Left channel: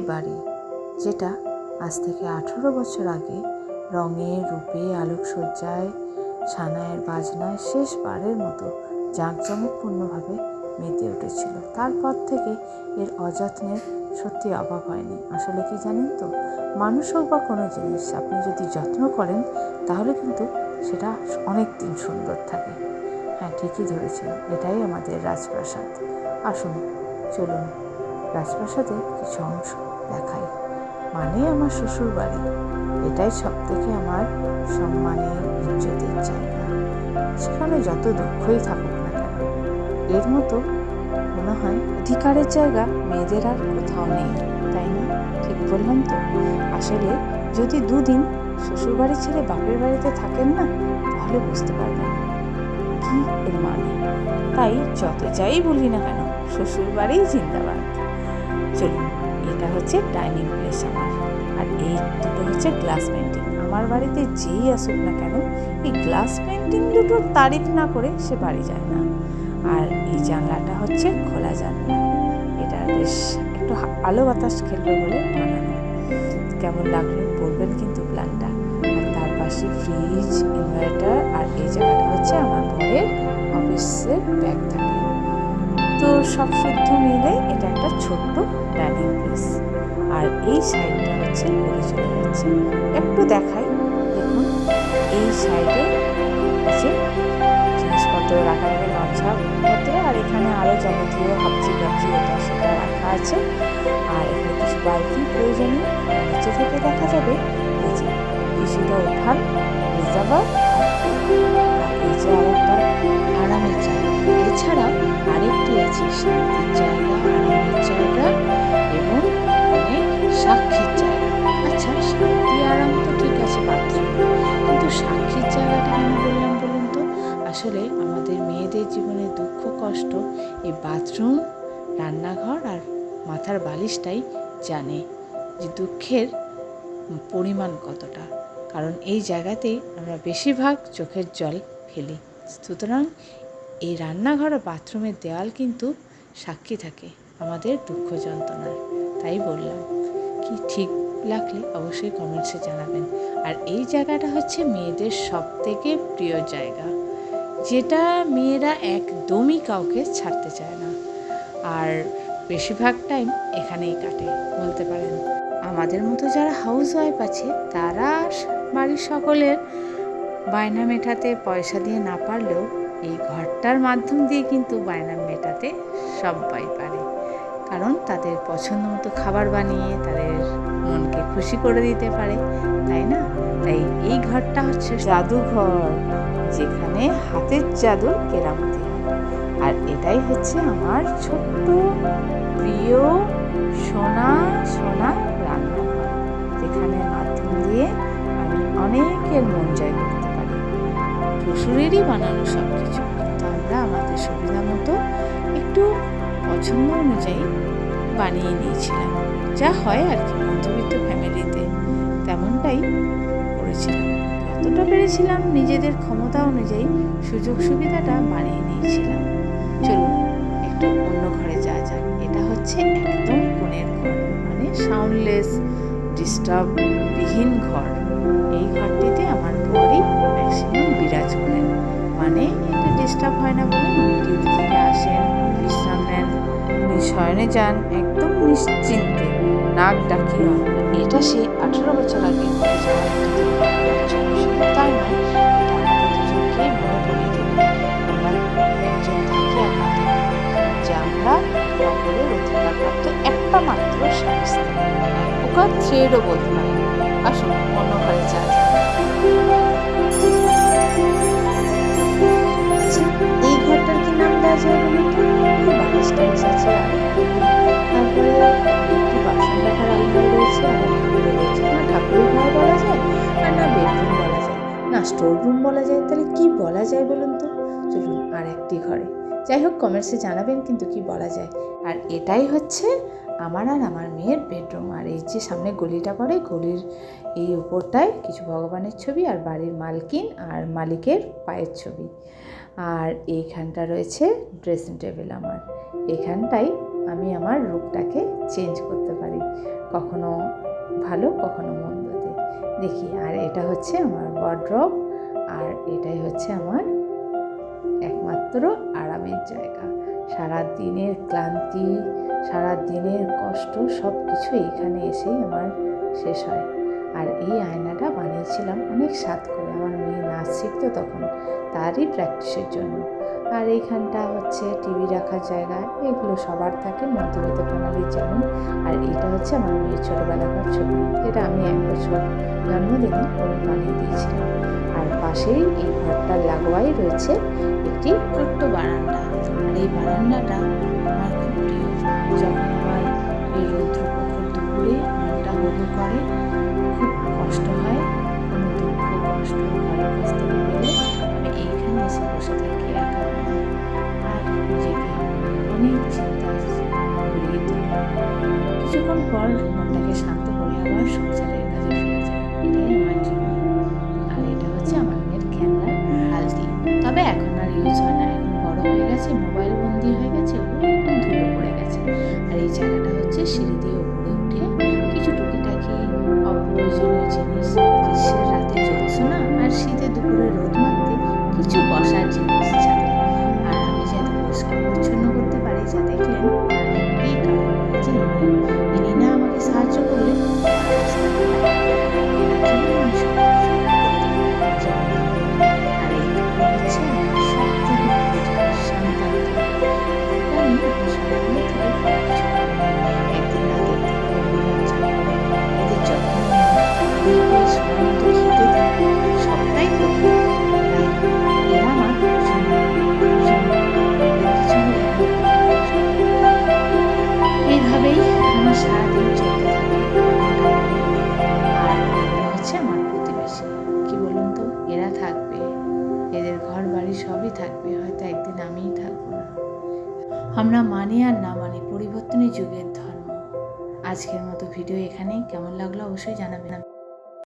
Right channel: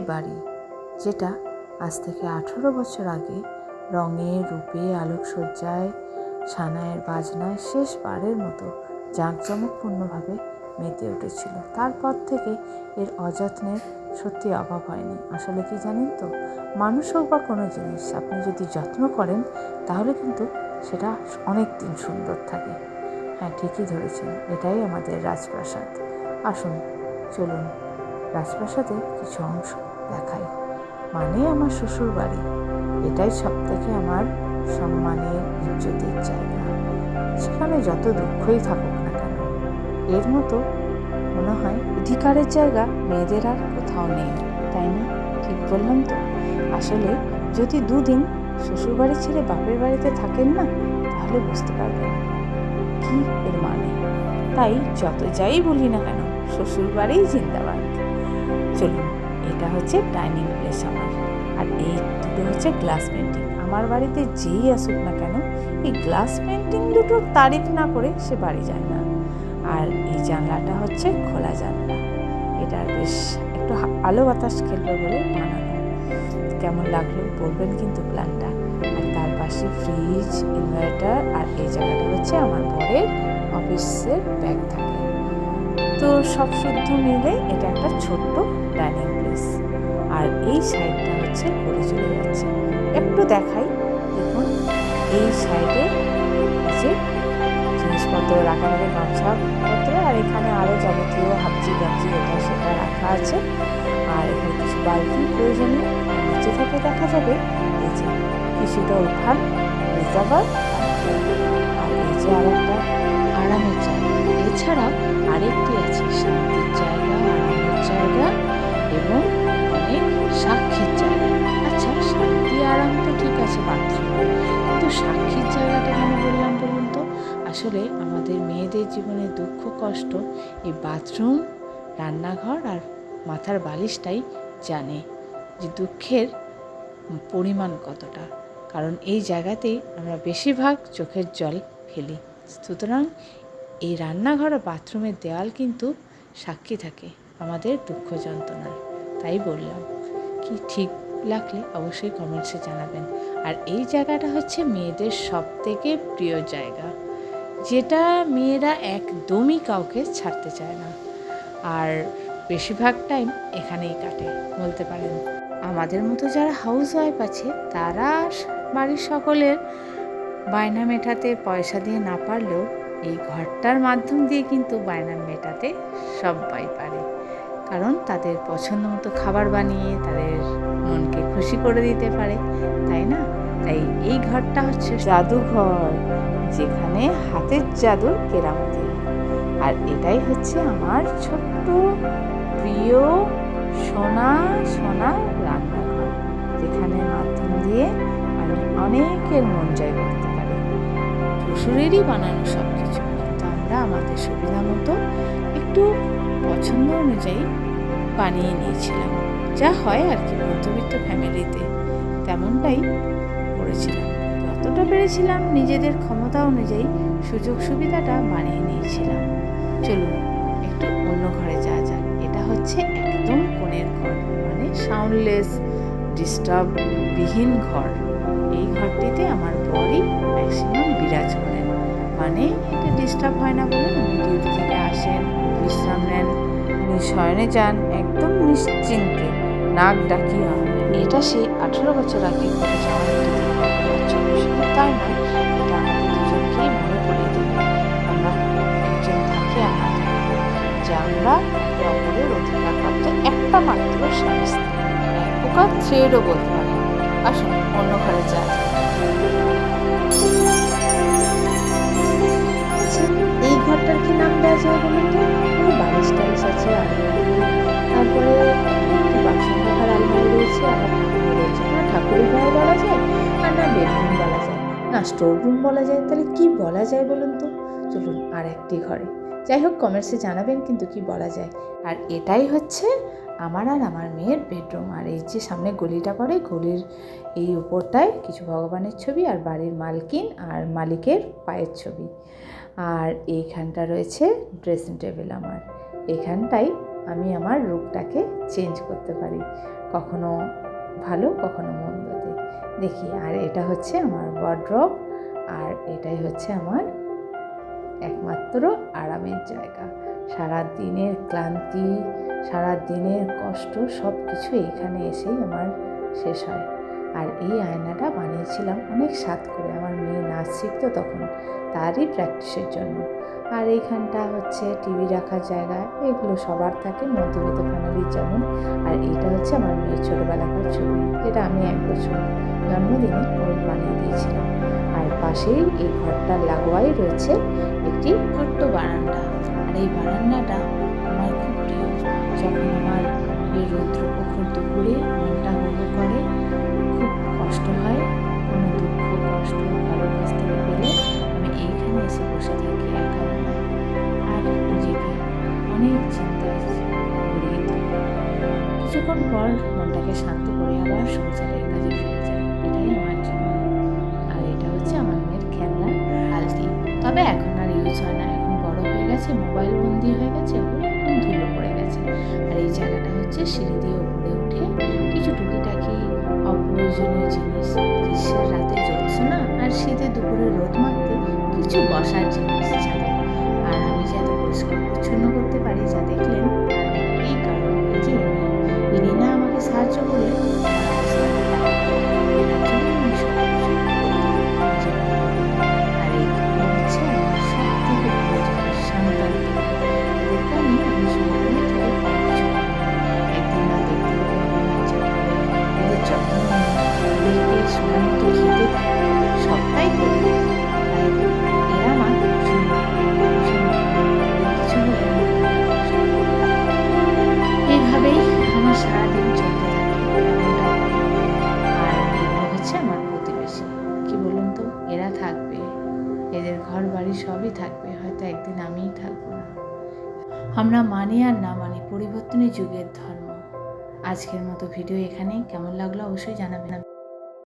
সেই বাড়ি যেটা আজ থেকে 18 বছর আগে রঙে রূপে আলোকসজ্জায় সানাইয়ের বাজনায় শেষবারের মতো জাঁকজমকপূর্ণভাবে মেতে উঠেছিল। তারপর থেকে এর অযত্নের সত্যি অভাব হয়নি। আসলে কি জানেন তো, মানুষ হোক বা কোনো জিনিস আপনি যদি যত্ন করেন তাহলে কিন্তু সেটা অনেক দিন সুন্দর থাকে। হ্যাঁ, ঠিকই ধরেছেন, এটাই আমাদের রাজপ্রাসাদ। আসুন, চলুন রাজপ্রাসাদে কিছু অংশ দেখাই। মানে আমার শ্বশুর বাড়ি, এটাই সব থেকে আমার সম্মানের ইজ্জতের জায়গা। সেখানে যত দুঃখই থাকুক না কেন, এর মতো মনে হয় অধিকারের জায়গা মেয়েদের আর কোথাও নেই, তাই না? ঠিক বললাম তো? আসলে যদি দুদিন শ্বশুর বাড়ি ছেড়ে বাপের বাড়িতে থাকেন না, তাহলে বুঝতে পারবেন কি এর মানে। তাই যত যাই বলি না কেন, শ্বশুর বাড়িই জিন্দাবাদ। চলুন, এটা হচ্ছে ডাইনিং প্লেস আমার, আর এই দুটো হচ্ছে গ্লাস পেন্টিং। আমার বাড়িতে যেই আসুক না কেন, এই গ্লাস পেন্টিং দুটোর তারিফ না করে সে বাড়ি যায় না। আর এই জানলাটা হচ্ছে খোলা জানলা, এটা বেশ একটু আলো বাতাস খেলবে বলে বানানো। কেমন লাগলো বলবেন কিন্তু প্ল্যানটা। আর তার পাশে ফ্রিজ, ইনভার্টার, আর এই জায়গাটা হচ্ছে আমার বরের অফিসের ব্যাগ থাকে। তো সব শুদ্ধ মিলে এটা একটা ছোট্ট ডাইনিং প্লেস। আর এই সাইডটা হচ্ছে গলি চলে যাচ্ছে, একটু দেখাই। দেখুন, এই সাইডে যে জিনিসপত্র রাখা থাকে, গামছাপত্র, আর এখানে আরও যাবতীয় হাবজি গাবজি এটা সেটা রাখা আছে। আর এখানে কিছু বালতি প্রয়োজনীয়। নিচে থেকে দেখা যাবে এই যে কিছুটা উঠান, রিজার্ভার, আর এই যে আর একটা আরামের জায়গা। এছাড়াও আরেকটি আছে শান্তির জায়গা, আরামের জায়গা এবং অনেক সাক্ষীর জায়গা। আচ্ছা, শান্তি আরাম তো ঠিক আছে বাথরুমে, কিন্তু সাক্ষীর জায়গাটা কেন বললাম বলুন তো? আসলে আমাদের মেয়েদের জীবনে দুঃখ কষ্ট এই বাথরুম, রান্নাঘর আর মাথার বালিশটাই জানে যে দুঃখের পরিমাণ কতটা। কারণ এই জায়গাতেই আমরা বেশিরভাগ চোখের জল ফেলি। সুতরাং এই রান্নাঘর আর বাথরুমের দেওয়াল কিন্তু সাক্ষী থাকে আমাদের দুঃখ যন্ত্রণার। তাই বললাম, কি ঠিক লাগলে অবশ্যই কমেন্টসে জানাবেন। আর এই জায়গাটা হচ্ছে মেয়েদের সব থেকে প্রিয় জায়গা, যেটা মেয়েরা একদমই কাউকে ছাড়তে চায় না, আর বেশিরভাগ টাইম এখানেই কাটে বলতে পারেন। আমাদের মতো যারা হাউস ওয়াইফ আছে, তারা বাড়ির সকলের বায়না মেটাতে পয়সা দিয়ে না পারলেও এই ঘরটার মাধ্যম দিয়ে কিন্তু বায়না মেটাতে সবাই পারে। কারণ তাদের পছন্দ মতো খাবার বানিয়ে তাদের মনকে খুশি করে দিতে পারে, তাই না? তাই এই ঘরটা হচ্ছে জাদুঘর, যেখানে হাতের জাদুর কেরামতি হয়। আর এটাই হচ্ছে আমার ছোট্ট প্রিয় সোনা সোনা রান্নাঘর, যেখানে মাধ্যম দিয়ে আমি অনেকের মন জয় করতে পারি। শ্বশুরেরই বানানো সব কিছু, কিন্তু আমরা আমাদের সুবিধা মতো একটু পছন্দ অনুযায়ী বানিয়ে নিয়েছিলাম। যা হয় আর কি, মধ্যবিত্ত ফ্যামিলিতে তেমনটাই করেছিলাম। যতটা পেরেছিলাম নিজেদের ক্ষমতা অনুযায়ী সুযোগ সুবিধাটা বানিয়ে নিয়েছিলাম। চলুন একটু অন্য ঘরে যাওয়া যাক। এটা হচ্ছে একদম কোণের ঘর, মানে সাউন্ডলেস, ডিস্টার্ববিহীন ঘর। এই ঘরটিতে আমার বরই ম্যাক্সিমাম বিরাজ করেন, মানে এটা ডিস্টার্ব হয় না বলে উনি ডিউটি থেকে আসেন, বিশ্রাম নেন, উনি শয়নে যান একদম নিশ্চিন্তে, নাক ডাকিয়া। এটা সেই 18 বছর আগে ঘটে যাওয়া একটি দুর্ঘটনার ছবি। শুধু তাই নয়, এটা আমাদের দুজনকেই মনে পড়িয়ে দেবে আমরা একজন থাকি আর না থাকি, যে আমরা একে অপরের অধিকারপ্রাপ্ত একটা মাত্র স্বামী স্ত্রী, এক প্রকার থ্রেডও বলতে পারেন। আসুন অন্য ঘরে যাওয়া যায়। আচ্ছা, এই ঘরটার কি নাম দেওয়া যায় বলো তো? এই বালিশ টালিশ আছে, আলমারি, তারপরে একটি বাসন রাখার আলমারি রয়েছে, আবার ঠাকুরও রয়েছে। না ঠাকুরের ঘর বলা যায়, আর না বেডরুম বলা যায়, না স্টোর রুম বলা যায়, তাহলে কি বলা যায় বলুন তো? চলুন আর একটি ঘরে যাই হোক, কমেন্টসে জানাবেন কিন্তু কি বলা যায়। আর এটাই হচ্ছে আমার আর আমার মেয়ের বেডরুম। আর এই যে সামনে গলিটা পড়ে, গলির এই উপরটায় কিছু ভগবানের ছবি, আর বাড়ির মালকিন আর মালিকের পায়ের ছবি। আর এইখানটা রয়েছে ড্রেসিং টেবিল আমার। এখানটাই আমি আমার রূপটাকে চেঞ্জ করতে পারি। কখনো ভালো কখনো মন্দতে দেখি। আর এটা হচ্ছে আমার ওয়ার্ড্রব, আর এটাই হচ্ছে আমার একমাত্র আরামের জায়গা। সারা দিনের ক্লান্তি, সারা দিনের কষ্ট সব কিছু এইখানে এসেই আমার শেষ হয়। আর এই আয়নাটা বানিয়েছিলাম অনেক সাধ করে, আমার মেয়ে নাচ শিখতো তখন, তারই প্র্যাকটিসের জন্য। আর এইখানটা হচ্ছে টিভি রাখার জায়গা, এগুলো সবার থাকে মধ্যবিত্ত ফ্যামিলির যেমন। আর এটা হচ্ছে আমার মেয়ের ছোটোবেলাকার ছবি, যেটা আমি 1 বছর জন্মদিনে ওর বানিয়ে দিয়েছিলাম। আর পাশেই এই ঘরটার লাগোয়াই রয়েছে একটি ছোট্ট বারান্দা। আর এই বারান্দাটা আমার খুব প্রিয়। যখন আমার এই রৌদ্রপ্রখর দুপুরে মনটা হো হো করে, খুব কষ্ট হয়, কোনো দুঃখ কষ্ট কারোর কাছ থেকে পেলে আমি এইখানে এসে বসে থাকি একা মনে, আর নিজেকে অনেক চিন্তায় ঘুরিয়ে তুলি। কিছুক্ষণ পর মনটাকে শান্ত করে আবার সংসারের কাজে ফিরে যায়। এটাই আমার জীবন। আর এটা হচ্ছে আমার মেয়ের খেলনার আলতি, তবে এখন আর ইউজ হয় না, এখন বড় হয়ে গেছে, মোবাইল বন্দি হয়ে গেছে, ওগুলো এখন ধুলো পড়ে গেছে। আর এই জায়গাটা হচ্ছে সিঁড়ি দিয়ে উপরে উঠে কিছু টুকিটাকি অপ্রয়োজনীয় জিনিস, গ্রীষ্মের রাতে জ্যোৎস্না আর শীতে দুপুরে রোদ মারতে কিছু বসার জিনিস ছাদে। আর আমি যে এত পরিষ্কার পরিচ্ছন্ন করতে পারি যা দেখলেন, তার একটাই কারণ, যে ইনি না আমাকে সাহায্য করলে আমার অবস্থা খারাপ। এনার জন্য আমি সব কিছু করতে পারি নিজের মতো করে। আর এইগুলো হচ্ছে আমার সব থেকে ভালো জিনিস, সন্তান তৈরি। এদেরকে আমি আমার সন্তানের থেকে কম কিছু পাবো না। একদিন না দেখতে গেলে মন আচ্ছা করে, এদের যত্ন নিই, এদেরকে সময় মতো খেতে দিই, সবটাই করি। তাই এরা আমার ভীষণ মনে হয়, ভীষণ মনে হয়। এদের কিছু হলে আমার মনটা কষ্ট হয়। এইভাবেই আমার সারাদিন চলতে থাকে এমনটা করে। আর এগুলো হচ্ছে আমার প্রতিবেশী। কি বলুন তো, এরা থাকবে, এদের ঘর বাড়ি সবই থাকবে, হয়তো একদিন আমিই থাকবো না। আমরা মানি আর না মানি, পরিবর্তনই যুগের ধর্ম। আজকের মতো ভিডিও এখানেই। কেমন লাগলো অবশ্যই জানাবেন।